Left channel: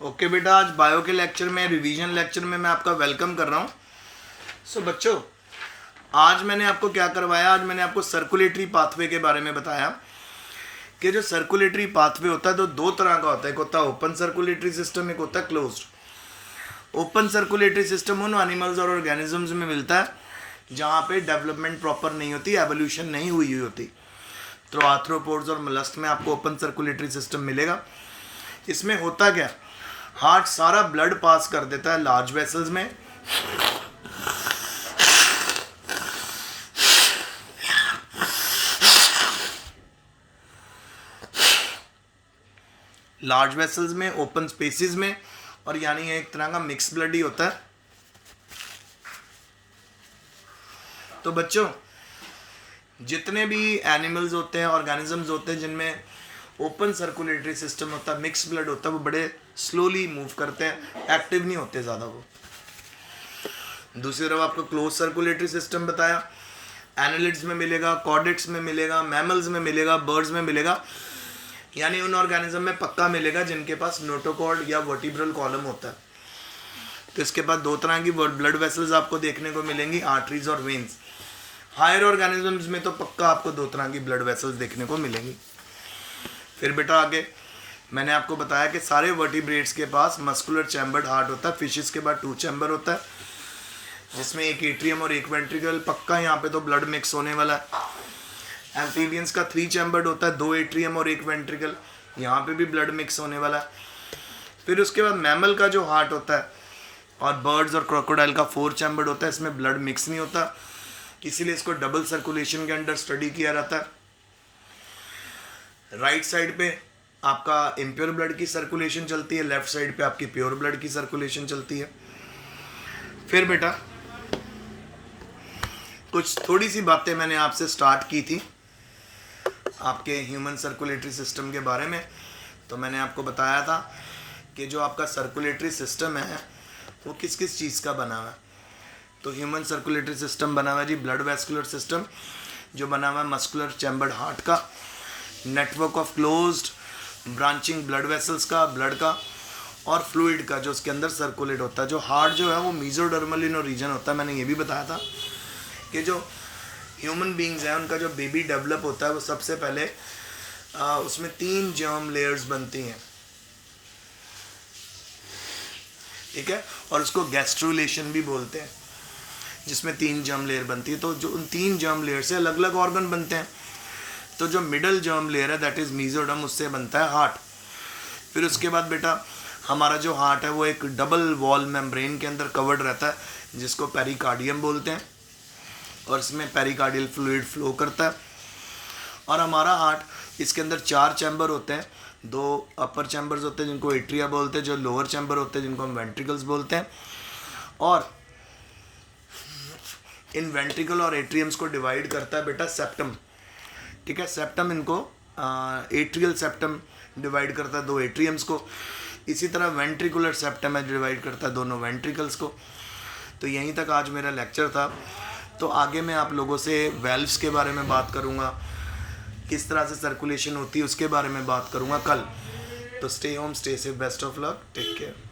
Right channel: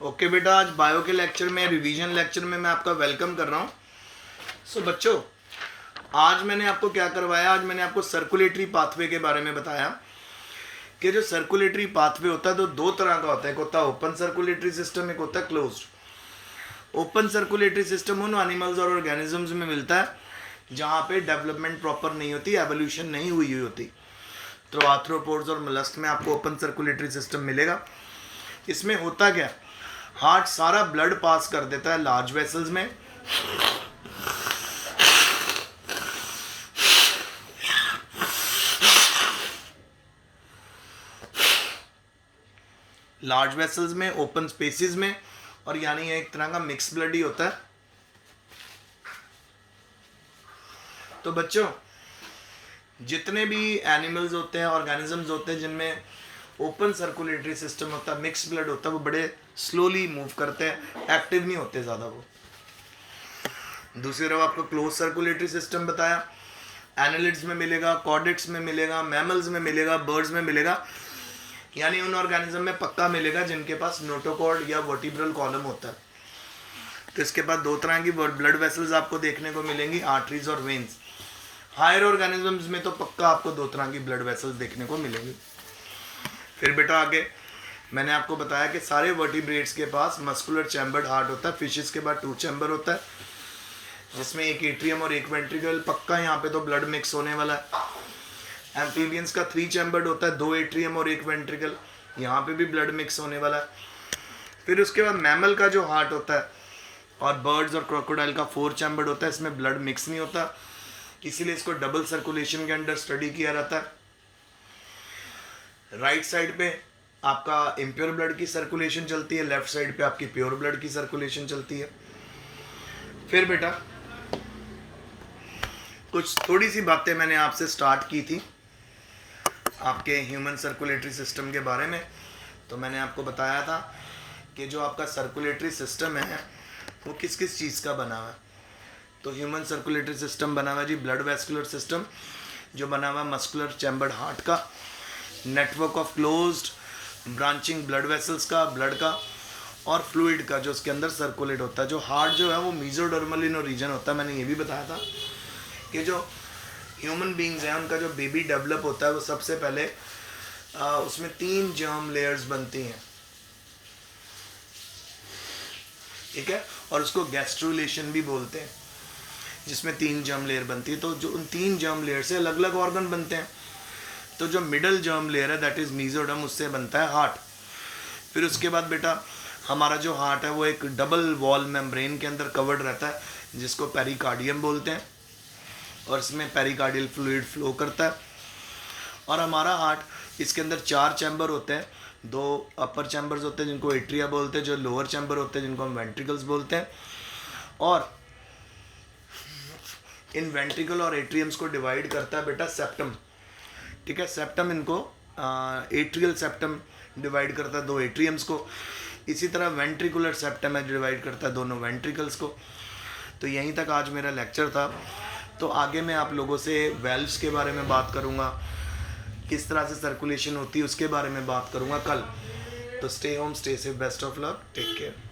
Okay बेटा, आज bio के लेक्चर में, रिवीजन लेक्चर में मैं आपका वेलकम कर रहा हूँ। सो बच्चों, आज मैंने आपको क्या करवाया, आज मैंने आपको सर्कुलेटरी पाथवे के बारे में बताया कि जो सर्कुलेटरी पाथवे होता है तो दो तरह का होता है। एक होता है ओपन सर्कुलेटरी सिस्टम, एक होता है क्लोज्ड। ओपन सर्कुलेटरी सिस्टम उन एनिमल्स और ऑर्गेनिजम्स में मिलता है जहाँ पे डेवलपमेंट प्रॉपर नहीं होती, एवोल्यूशन नहीं हुई होती। तो आर्थ्रोपोड्स और मोलस्क में आपको ओपन सर्कुलेटरी सिस्टम मिलेगा। इसमें होता क्या, हार्ट सारा ब्लड पास कर देता है लार्ज वेसल्स में, लार्ज वेसल्स में, ओपन स्पेसिस में, और यानी एक तरह का मिक्स ब्लड ही होता है। तो बच्चों, जितने भी एनिमल्स होते हैं, ऑर्गेनिजम्स होते हैं जिनमें ओपन सर्कुलेटरी सिस्टम होता है, मिक्स ब्लड होता है, वो बड़े स्लोली मूव करते हैं, एक्टिव नहीं होते ज़्यादा वो। दूसरी तरफ आपको क्लोज सर्कुलेटरी सिस्टम बताया, एनालिड्स में मिलेगा, कॉर्डेट्स में मिलेगा, मैमल्स में मिलेगा, बर्ड्स में मिलेगा, यानी उन ऑर्गेनिज्म में पक्का मिलेगा जिनके पास नोटोकॉर्ड या वर्टिब्रल कॉलम होता है। तो इसके बाद दो तरह की ब्लड वेसल्स आपको देखने को मिलेंगी, आर्टरीज और वेन्स। हायर ऑर्गेनिजम्स में तो पक्का आपको दो तरह की ब्लड वेसल्स देखने को मिलेंगी। फिर बेटा आगे मैंने आपको बताया कि सारे वर्टिब्रेट्स के पास मस्कुलर चैम्बर्ड हार्ट होता है। फिशेस के बाद 2 चैम्बर होता है जिसमें एक एट्रियम और एक वेंट्रिकल, पक्का यहाँ पे तो ब्लड मिक्स होने वाला है। एम्फीबियंस का 3 चैम्बर्ड होता है, 2 एट्रियम और एक वेंट्रिकल, यहाँ पे भी ब्लड मिक्स होने वाला है। फिर उसके बाद मैमल का जो हार्ट होता है और बर्ड्स और क्रोकोडाइल का 4 चैम्बर्ड होता है, इसमें ब्लड मिक्स नहीं होता, इसीलिए इसको डबल सर्कुलेशन के अंडर स्टडी किया जाता है। राइट साइड पे आपका इम्प्योर ब्लड की सर्कुलेशन चलती है, लेफ्ट साइड पे आपकी प्योर ब्लड की सर्कुलेशन चलती है। फिर बेटा कुछ थोड़ी सी बातें मैंने आपसे स्टार्ट की थी आपके ह्यूमन सर्कुलेटरी सिस्टम के बारे में। तो मैंने आपको बताया था कि जो आपका सर्कुलेटरी सिस्टम है वो किस किस चीज़ का बना हुआ है। तो ह्यूमन सर्कुलेटरी सिस्टम बना हुआ है जी ब्लड वेस्कुलर सिस्टम, जो बना हुआ है मस्कुलर चैम्बर्ड हार्ट का, network of closed branching blood vessels का, ब्लड का, और फ्लूइड का जो उसके अंदर सर्कुलेट होता है। जो हार्ट जो है वो मीजोडर्मल इन रीजन होता है। मैंने ये भी बताया था कि जो ह्यूमन बींग्स हैं उनका जो बेबी डेवलप होता है वो सबसे पहले उसमें 3 जर्म लेयर्स बनती हैं, ठीक है, और उसको गैस्ट्रुलेशन भी बोलते हैं, जिसमें 3 जर्म लेयर बनती है। तो जो उन 3 जर्म लेयर से अलग अलग ऑर्गन बनते हैं। तो जो मिडल जर्म लेयर है दैट इज़ मीजोडर्म, उससे बनता है हार्ट। फिर उसके बाद बेटा हमारा जो हार्ट है वो एक डबल वॉल मेम्ब्रेन के अंदर कवर्ड रहता है जिसको पेरिकार्डियम बोलते हैं, और इसमें पेरिकार्डियल फ्लूइड फ्लो करता है। और हमारा हार्ट, इसके अंदर 4 चैम्बर होते हैं, 2 अपर चैम्बर्स होते हैं जिनको एट्रिया बोलते हैं, जो लोअर चैम्बर होते हैं जिनको हम वेंट्रिकल्स बोलते हैं। और इन वेंट्रिकल और एट्रियम्स को डिवाइड करता है बेटा सेप्टम, ठीक है। सेप्टम इनको एट्रियल सेप्टम डिवाइड करता है 2 एट्रियम्स को। इसी तरह वेंट्रिकुलर सेप्टम है, डिवाइड करता है दोनों वेंट्रिकल्स को। तो यहीं तक आज मेरा लेक्चर था। तो आगे मैं आप लोगों से वेल्व्स के बारे में बात करूँगा, किस तरह से सर्कुलेशन होती है उसके बारे में बात करूँगा कल। तो stay home, stay safe, best of luck, take care.